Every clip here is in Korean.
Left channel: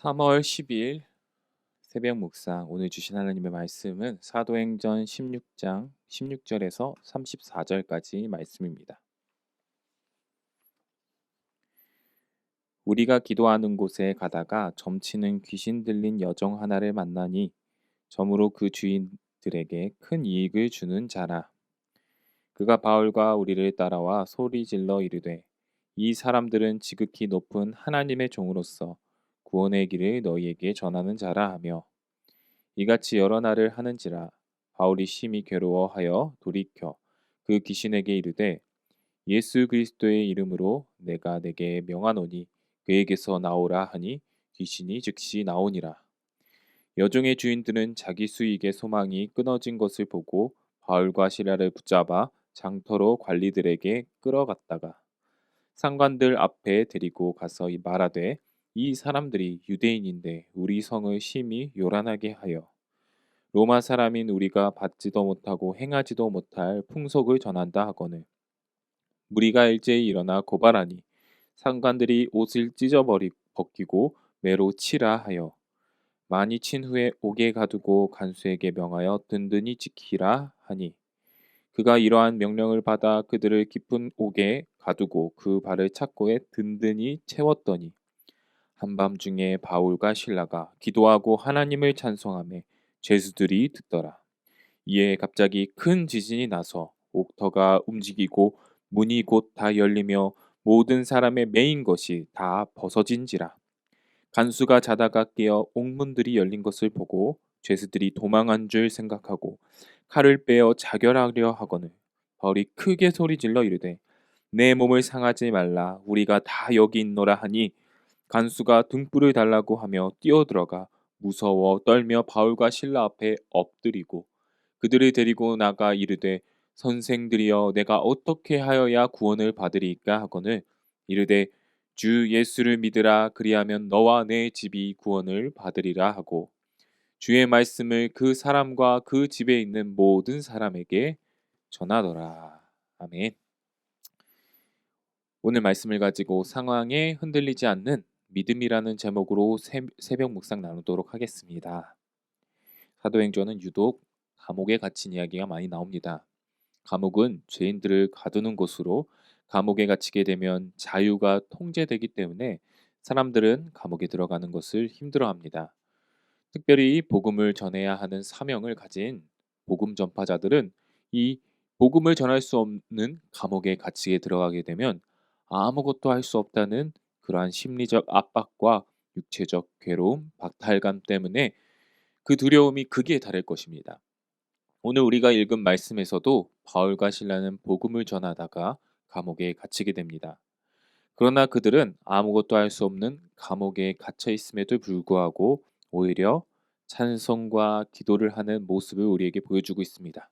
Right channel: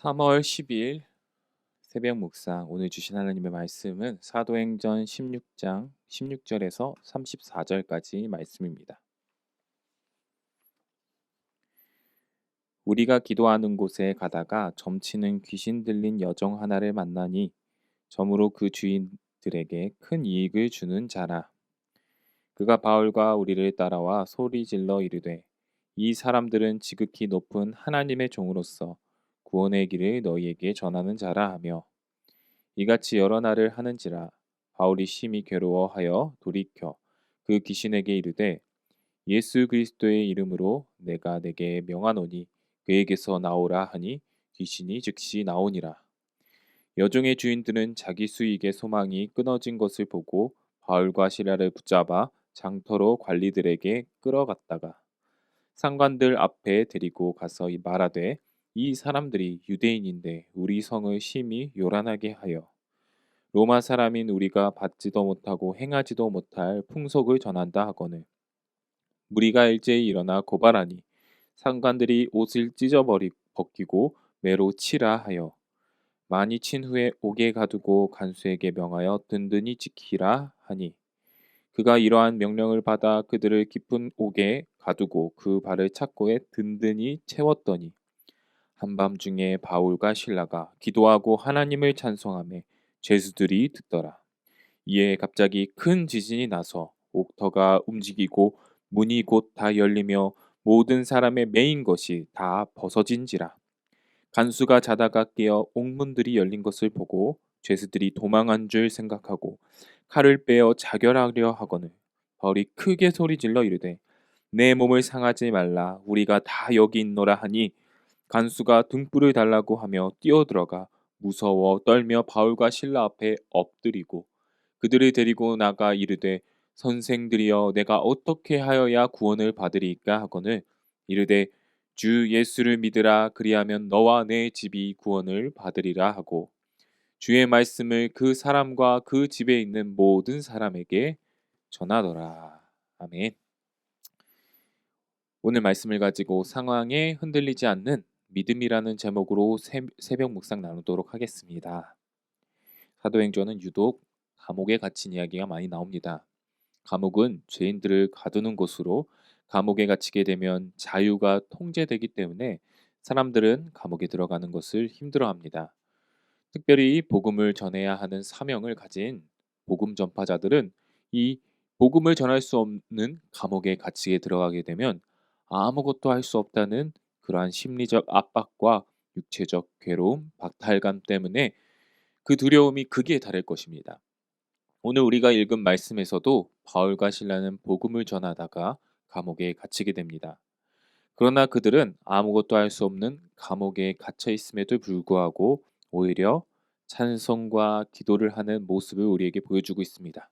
3월 10일 새벽 묵상 오늘 주신 하나님의 말씀은 사도행전 16장 16절에서 34절까지 말씀입니다. 우리가 기도하는 곳에 가다가 점치는 귀신 들린 여종 하나를 만나니 점으로 그 주인들에게 큰 이익을 주는 자라. 그가 바울과 우리를 따라와 소리질러 이르되 이 사람들은 지극히 높은 하나님의 종으로서 구원의 길을 너희에게 전하는 자라 하며 이같이 여러 날을 하는지라. 바울이 심히 괴로워하여 돌이켜 그 귀신에게 이르되 예수 그리스도의 이름으로 내가 내게 명하노니 그에게서 나오라 하니 귀신이 즉시 나오니라. 여종의 주인들은 자기 수익의 소망이 끊어진 것을 보고 바울과 시라를 붙잡아 장터로 관리들에게 끌어갔다가 상관들 앞에 데리고 가서 말하되 이 사람들이 유대인인데 우리 성을 심히 요란하게 하여 로마 사람인 우리가 받지도 못하고 행하지도 못할 풍속을 전한다 하거늘 무리가 일제히 일어나 고발하니 상관들이 옷을 찢어버리 벗기고 매로 치라 하여 많이 친 후에 옥에 가두고 간수에게 명하여 든든히 지키라 하니 그가 이러한 명령을 받아 그들을 깊은 옥에 가두고 그 발을 착고에 든든히 채웠더니 한밤중에 바울과 실라가 기도하고 하나님을 찬송하며 죄수들이 듣더라. 이에 갑자기 큰 지진이 나서 옥터가 움직이고 문이 곧 다 열리며 모든 사람의 매인 것이 다 벗어진지라. 간수가 자다가 깨어 옥문들이 열린 것을 보고 죄수들이 도망한 줄 생각하고 칼을 빼어 자결하려 하거늘 바울이 크게 소리질러 이르되 내 몸을 상하지 말라 우리가 다 여기 있노라 하니 간수가 등불을 달라고 하며 뛰어들어가 무서워 떨며 바울과 실라 앞에 엎드리고 그들을 데리고 나가 이르되 선생들이여 내가 어떻게 하여야 구원을 받으리이까 하거늘 이르되 주 예수를 믿으라 그리하면 너와 내 집이 구원을 받으리라 하고 주의 말씀을 그 사람과 그 집에 있는 모든 사람에게 전하더라. 아멘. 오늘 말씀을 가지고 상황에 흔들리지 않는 믿음이라는 제목으로 새벽 묵상 나누도록 하겠습니다. 사도행전은 유독 감옥에 갇힌 이야기가 많이 나옵니다. 감옥은 죄인들을 가두는 곳으로 감옥에 갇히게 되면 자유가 통제되기 때문에 사람들은 감옥에 들어가는 것을 힘들어합니다. 특별히 복음을 전해야 하는 사명을 가진 복음 전파자들은 이 복음을 전할 수 없는 감옥에 갇히게 들어가게 되면 아무것도 할 수 없다는 그러한 심리적 압박과 육체적 괴로움, 박탈감 때문에 그 두려움이 극에 달할 것입니다. 오늘 우리가 읽은 말씀에서도 바울과 실라는 복음을 전하다가 감옥에 갇히게 됩니다. 그러나 그들은 아무것도 할 수 없는 감옥에 갇혀 있음에도 불구하고 오히려 찬송과 기도를 하는 모습을 우리에게 보여주고 있습니다.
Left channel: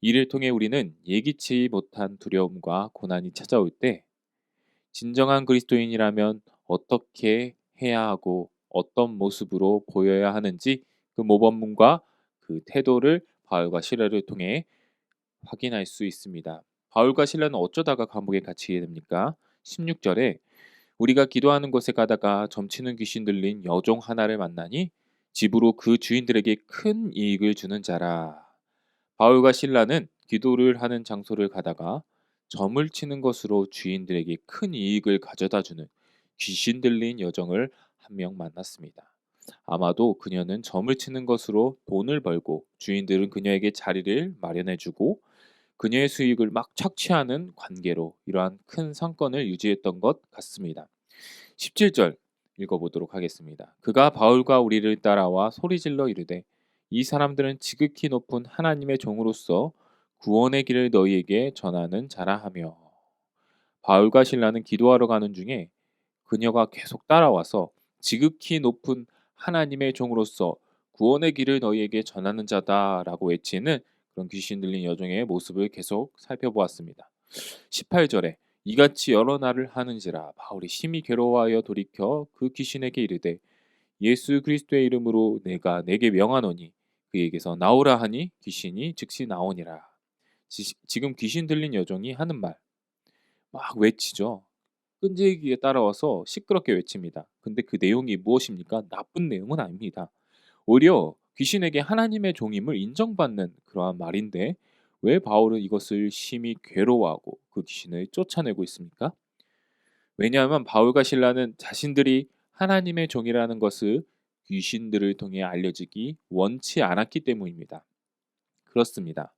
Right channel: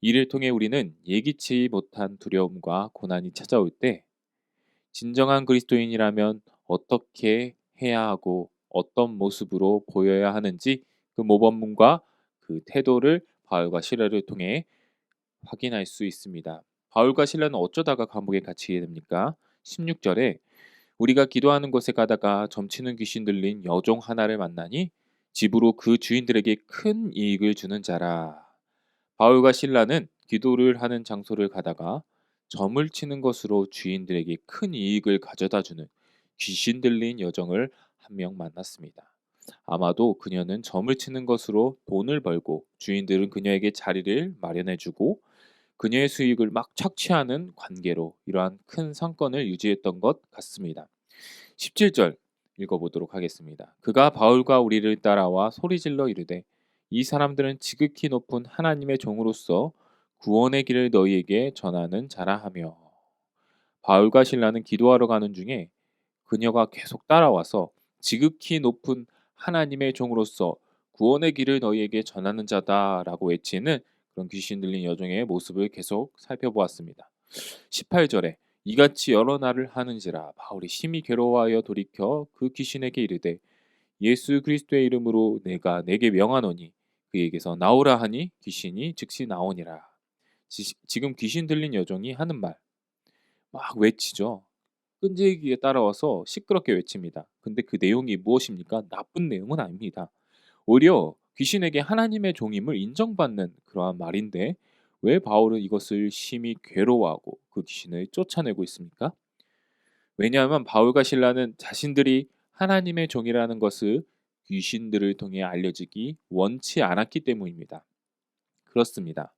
이를 통해 우리는 예기치 못한 두려움과 고난이 찾아올 때 진정한 그리스도인이라면 어떻게 해야 하고 어떤 모습으로 보여야 하는지 그 모범문과 그 태도를 바울과 실라를 통해 확인할 수 있습니다. 바울과 실라는 어쩌다가 감옥에 갇히게 됩니까? 16절에 우리가 기도하는 곳에 가다가 점치는 귀신 들린 여종 하나를 만나니 집으로 그 주인들에게 큰 이익을 주는 자라. 바울과 실라는 기도를 하는 장소를 가다가 점을 치는 것으로 주인들에게 큰 이익을 가져다 주는 귀신 들린 여종을 한 명 만났습니다. 아마도 그녀는 점을 치는 것으로 돈을 벌고 주인들은 그녀에게 자리를 마련해 주고 그녀의 수익을 막 착취하는 관계로 이러한 큰 상권을 유지했던 것 같습니다. 17절 읽어보도록 하겠습니다. 그가 바울과 우리를 따라와 소리질러 이르되 이 사람들은 지극히 높은 하나님의 종으로서 구원의 길을 너희에게 전하는 자라 하며 바울과 실라는 기도하러 가는 중에 그녀가 계속 따라와서 지극히 높은 하나님의 종으로서 구원의 길을 너희에게 전하는 자다라고 외치는 그런 귀신 들린 여종의 모습을 계속 살펴보았습니다. 18절에 이같이 여러 날을 하는지라 바울이 심히 괴로워하여 돌이켜 그 귀신에게 이르되 예수 그리스도의 이름으로 내가 내게 명하노니 그에게서 나오라 하니 귀신이 즉시 나오니라. 지금 귀신 들린 여종이 하는 말 막 외치죠. 끈질기게 따라와서 시끄럽게 외칩니다. 근데 그 내용이 무엇입니까? 나쁜 내용은 아닙니다. 오히려 귀신에게 하나님의 종임을 인정받는 그러한 말인데 왜 바울은 이것을 심히 괴로워하고 그 귀신을 쫓아내고 있습니까? 왜냐하면 바울과 실라는 자신들이 하나님의 종이라는 것을 귀신들을 통해 알려지기 원치 않았기 때문입니다. 그렇습니다.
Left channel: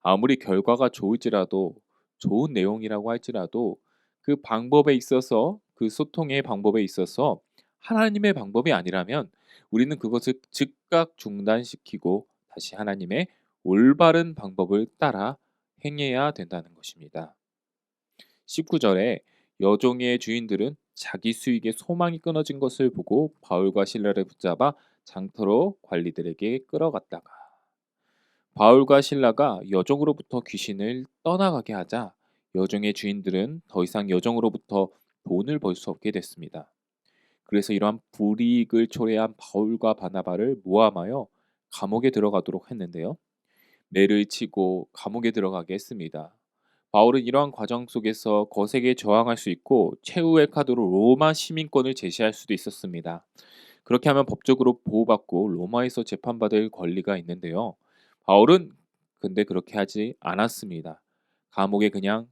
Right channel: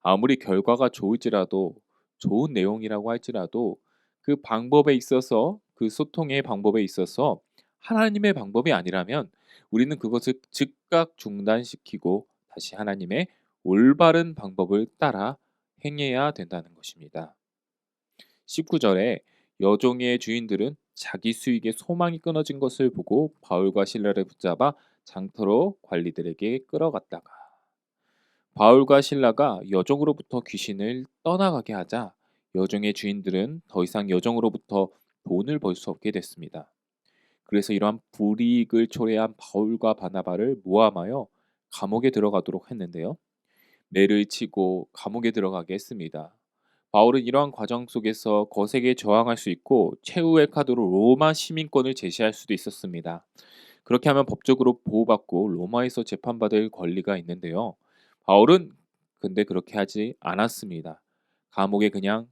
아무리 결과가 좋을지라도 좋은 내용이라고 할지라도 그 방법에 있어서 그 소통의 방법에 있어서 하나님의 방법이 아니라면 우리는 그것을 즉각 중단시키고 다시 하나님의 올바른 방법을 따라 행해야 된다는 것입니다. 19절에 여종의 주인들은 자기 수익에 소망이 끊어진 것을 보고 바울과 실라를 붙잡아 장터로 관리들에게 끌어갔다가 바울과 실라가 여종으로부터 귀신을 떠나가게 하자 여종의 주인들은 더 이상 여종으로부터 돈을 벌 수 없게 됐습니다. 그래서 이러한 불이익을 초래한 바울과 바나바를 모함하여 감옥에 들어가도록 했는데요. 매를 치고 감옥에 들어가게 했습니다. 바울은 이러한 과정 속에서 거세게 저항할 수 있고 최후의 카드로 로마 시민권을 제시할 수도 있었습니다. 그렇게 하면 법적으로 보호받고 로마에서 재판받을 권리가 있는데요. 바울은 근데 그렇게 하지 않았습니다. 감옥에 그냥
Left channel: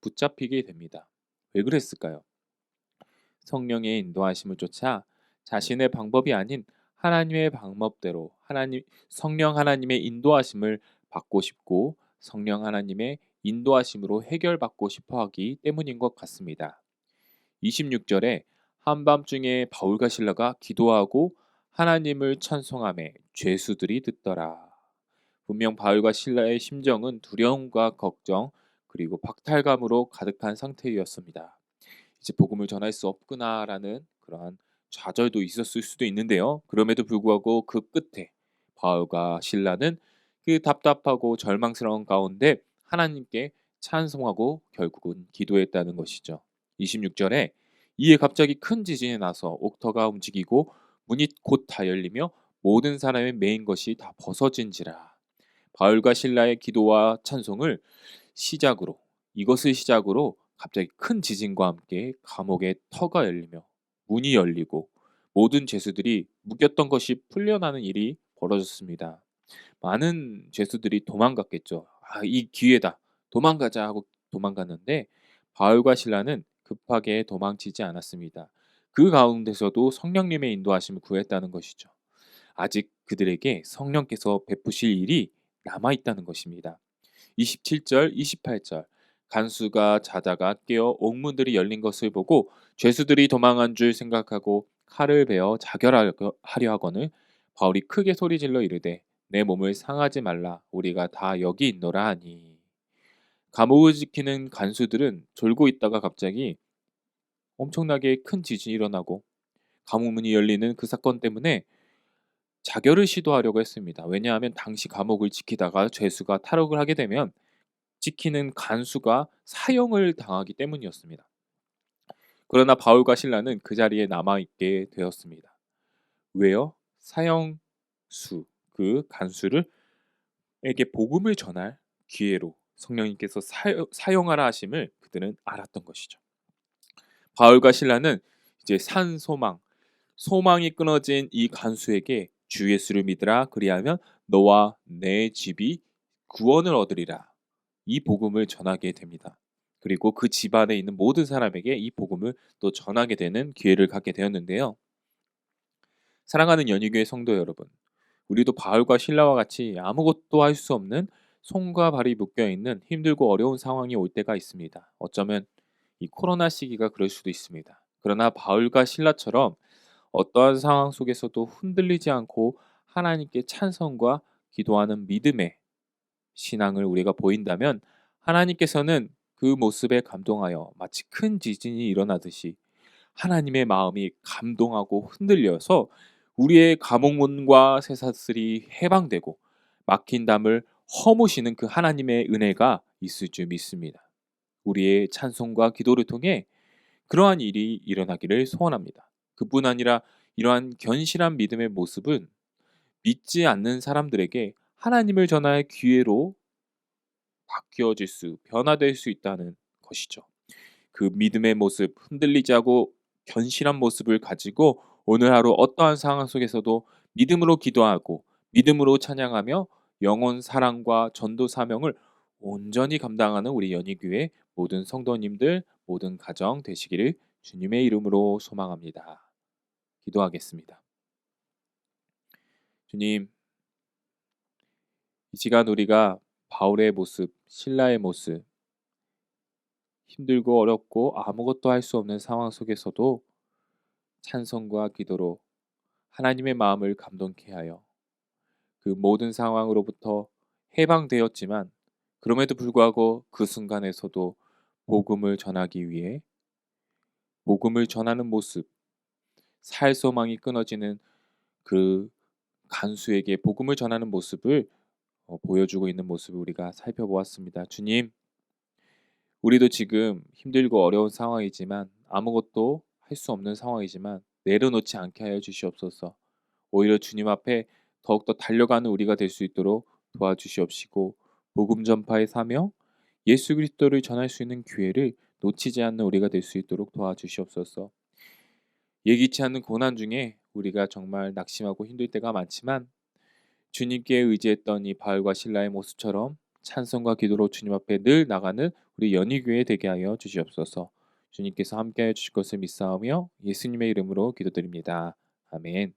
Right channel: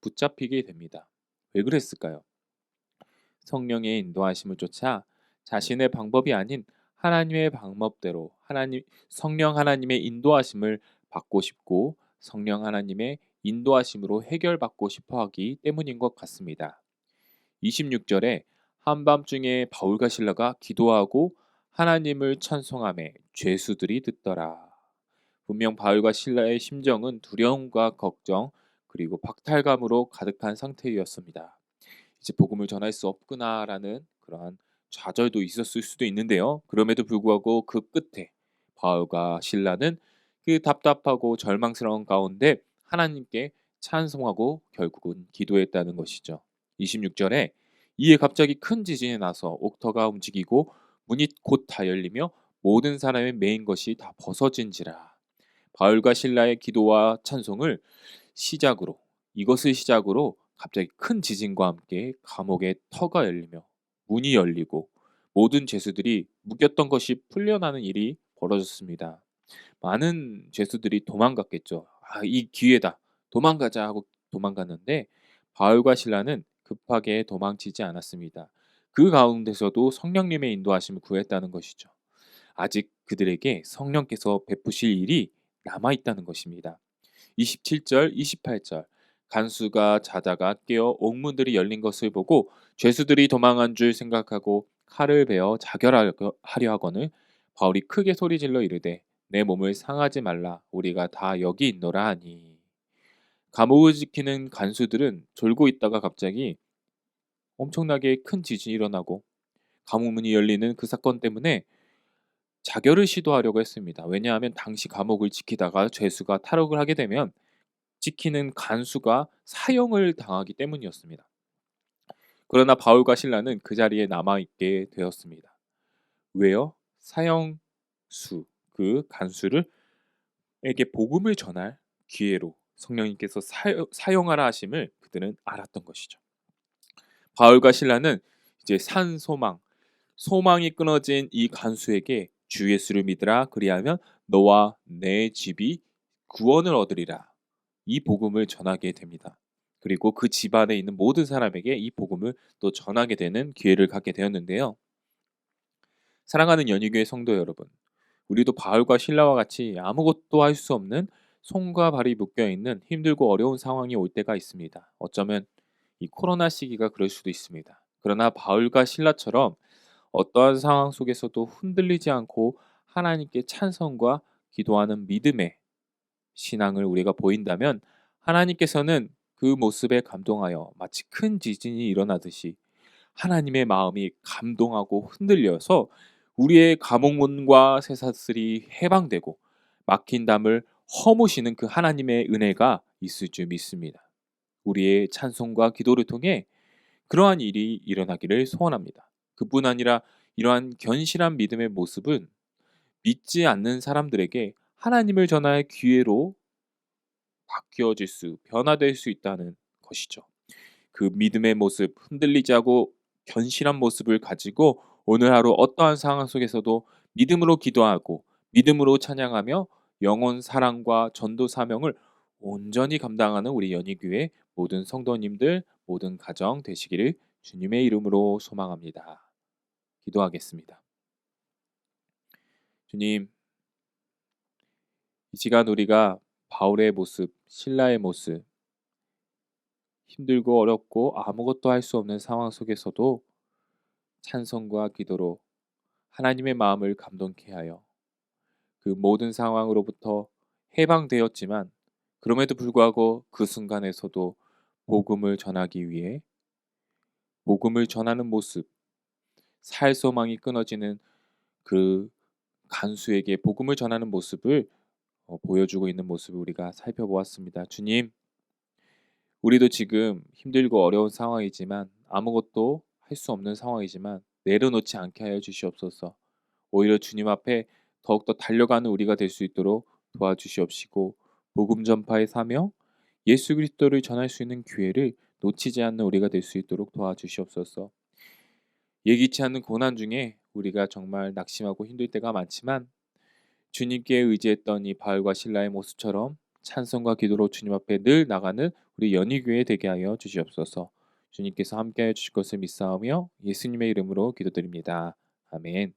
붙잡히게 됩니다. 왜 그랬을까요? 성령의 인도하심을 쫓아 자신의 방법이 아닌 하나님의 방법대로 성령 하나님의 인도하심을 받고 싶고 성령 하나님의 인도하심으로 해결받고 싶어 하기 때문인 것 같습니다. 26절에 한밤중에 바울과 실라가 기도하고 하나님을 찬송하며 죄수들이 듣더라. 분명 바울과 실라의 심정은 두려움과 걱정 그리고 박탈감으로 가득한 상태였습니다. 이제 복음을 전할 수 없구나라는 그러한 좌절도 있었을 수도 있는데요. 그럼에도 불구하고 그 끝에 바울과 실라는 그 답답하고 절망스러운 가운데 하나님께 찬송하고 결국은 기도했다는 것이죠. 26절에 이에 갑자기 큰 지진이 나서 옥터가 움직이고 문이 곧 다 열리며 모든 사람의 메인 것이 다 벗어진지라. 바울과 실라의 기도와 찬송을 시작으로 이것을 시작으로 갑자기 큰 지진과 함께 감옥의 터가 열리며 문이 열리고 모든 죄수들이 묶였던 것이 풀려나는 일이 벌어졌습니다. 많은 죄수들이 도망갔겠죠. 이 기회다. 도망가자 하고 도망갔는데 바울과 실라는 급하게 도망치지 않았습니다. 그 가운데서도 성령님의 인도하심을 구했다는 것이죠. 아직 그들에게 성령께서 베푸실 일이 남아 있다는 것입니다. 27절, 28절 간수가 자다가 깨어 옥문들이 열린 것을 보고 죄수들이 도망한 줄 생각하고 칼을 베어 자결하려 하거늘 바울이 크게 소리질러 이르되 내 몸을 상하지 말라 우리가 다 여기 있노라 하니 감옥을 지키는 간수들은 졸고 있다가 갑자기 엄청나게 큰 지진이 일어나고 감옥 문이 열리는 그 사건 때문에 자결을 시도하려고 했습니다. 왜냐하면 당시 감옥을 지키다가 죄수가 탈옥을 하게 되면 지키는 간수가 사형을 당하기 때문이었습니다. 그러나 바울과 실라는 그 자리에 남아있게 되었습니다. 왜요? 사형수, 그 간수를 에게 복음을 전할 기회로 성령님께서 사용하라 하심을 그들은 알았던 것이죠. 바울과 실라는 이제 산 소망이 끊어진 이 간수에게 주 예수를 믿으라 그리하면 너와 내 집이 구원을 얻으리라. 이 복음을 전하게 됩니다. 그리고 그 집안에 있는 모든 사람에게 이 복음을 또 전하게 되는 기회를 갖게 되었는데요. 사랑하는 연희교회 성도 여러분, 우리도 바울과 실라와 같이 아무것도 할 수 없는 손과 발이 묶여 있는 힘들고 어려운 상황이 올 때가 있습니다. 어쩌면 이 코로나 시기가 그럴 수도 있습니다. 그러나 바울과 실라처럼 어떠한 상황 속에서도 흔들리지 않고 하나님께 찬송과 기도하는 믿음의 신앙을 우리가 보인다면 하나님께서는 그 모습에 감동하여 마치 큰 지진이 일어나듯이 하나님의 마음이 감동하고 흔들려서 우리의 감옥문과 쇠사슬이 해방되고 막힌 담을 허무시는 그 하나님의 은혜가 있을 줄 믿습니다. 우리의 찬송과 기도를 통해 그러한 일이 일어나기를 소원합니다. 그뿐 아니라 이러한 견실한 믿음의 모습은 믿지 않는 사람들에게 하나님을 전할 기회로 변화될 수 있다는 것이죠. 그 믿음의 모습, 흔들리지 않고 견실한 모습을 가지고 오늘 하루 어떠한 상황 속에서도 믿음으로 기도하고 믿음으로 찬양하며 영혼 사랑과 전도 사명을 온전히 감당하는 우리 연희교회 모든 성도님들, 모든 가정 되시기를 주님의 이름으로 소망합니다. 기도하겠습니다. 주님, 이 시간 우리가 바울의 모습, 신라의 모습, 힘들고 어렵고 아무것도 할 수 없는 상황 속에서도 찬송과 기도로 하나님의 마음을 감동케 하여 그 모든 상황으로부터 해방되었지만 그럼에도 불구하고 그 순간에서도 복음을 전하기 위해 복음을 전하는 모습, 살 소망이 끊어지는 그 간수에게 복음을 전하는 모습을 보여주고 있는 모습을 우리가 살펴보았습니다. 주님, 우리도 지금 힘들고 어려운 상황이지만 아무것도 할 수 없는 상황이지만 내려놓지 않게 하여 주시옵소서. 오히려 주님 앞에 더욱더 달려가는 우리가 될 수 있도록 도와주시옵시고 복음 전파의 사명, 예수 그리스도를 전할 수 있는 기회를 놓치지 않는 우리가 될 수 있도록 도와주시옵소서. 예기치 않는 고난 중에 우리가 정말 낙심하고 힘들 때가 많지만 주님께 의지했던 이 바울과 실라의 모습처럼 찬송과 기도로 주님 앞에 늘 나가는 우리 연희교회 되게 하여 주시옵소서. 주님께서 함께하여 주실 것을 믿사오며 예수님의 이름으로 기도드립니다. 아멘.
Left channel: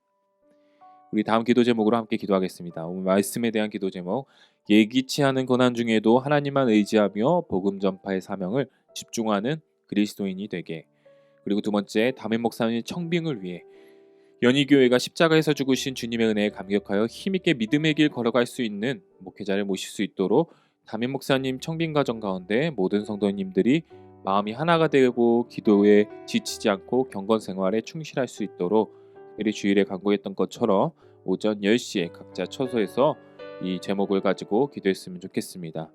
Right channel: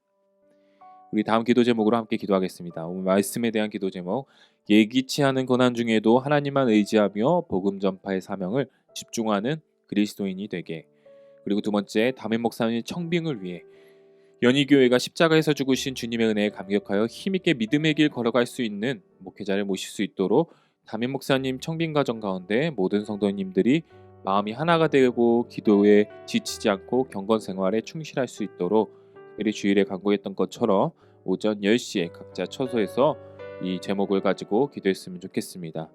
우리 다음 기도 제목으로 함께 기도하겠습니다. 오늘 말씀에 대한 기도 제목, 예기치 않은 고난 중에도 하나님만 의지하며 복음 전파의 사명을 집중하는 그리스도인이 되게. 그리고 두 번째, 담임 목사님 청빙을 위해 연희교회가 십자가에서 죽으신 주님의 은혜에 감격하여 힘있게 믿음의 길 걸어갈 수 있는 목회자를 모실 수 있도록 담임 목사님 청빙 과정 가운데 모든 성도님들이 마음이 하나가 되고 기도에 지치지 않고 경건 생활에 충실할 수 있도록 특별히 주일에 강구했던 것처럼 오전 10시에 각자 처소에서 이 제목을 가지고 기도했으면 좋겠습니다.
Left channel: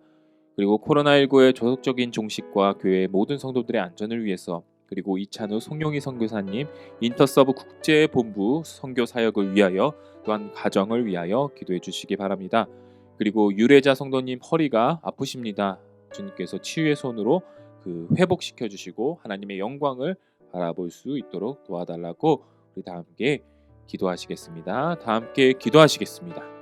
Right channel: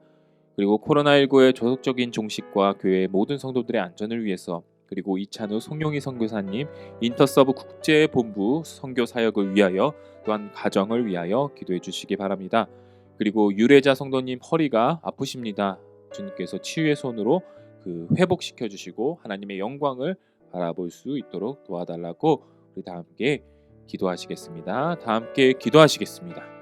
그리고 코로나19의 조속적인 종식과 교회의 모든 성도들의 안전을 위해서 그리고 이찬우 송용희 선교사님 인터서브 국제본부 선교 사역을 위하여 또한 가정을 위하여 기도해 주시기 바랍니다. 그리고 유래자 성도님 허리가 아프십니다. 주님께서 치유의 손으로 그 회복시켜 주시고 하나님의 영광을 바라볼 수 있도록 도와달라고 우리 다 함께 기도하시겠습니다. 다 함께 기도하시겠습니다.